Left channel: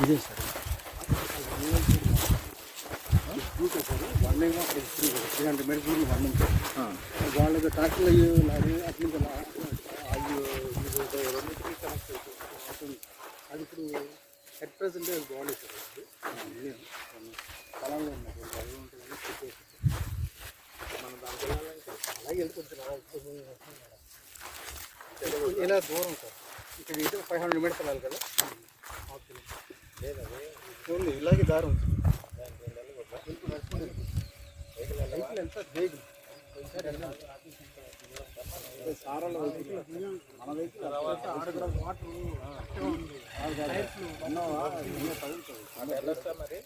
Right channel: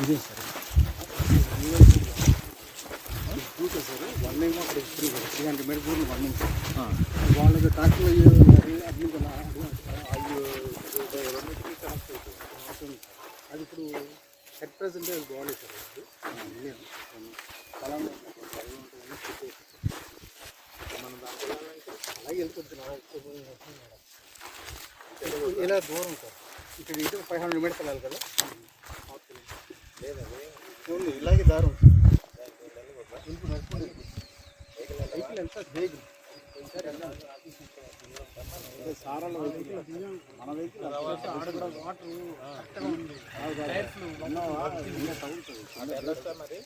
ఇదే sir okay sir one అక్కడ three three hundred meter దూరం వన్ కనెక్షన్ అయ్యి ఉన్నారు అడ్మిట్ అది ఇప్పుడు హెడ్ ప్రెసెంట్ అది బాగాలేదు సార్ పొలంలో చెప్పేసి మనం దానికి వెళ్ళాలంటే అలాగే వెళ్ళిపోతుంది అలా ఎక్కువ ఇలా దూరం సార్ ఇక్కడ ఇటు ఫైవ్ హండ్రెడ్ మీటర్స్ వెళ్ళాలి కదా ఓన్లీ ఇలాగే దారం సారాల మన వెహికల్ వాటర్ తగులుతుంది.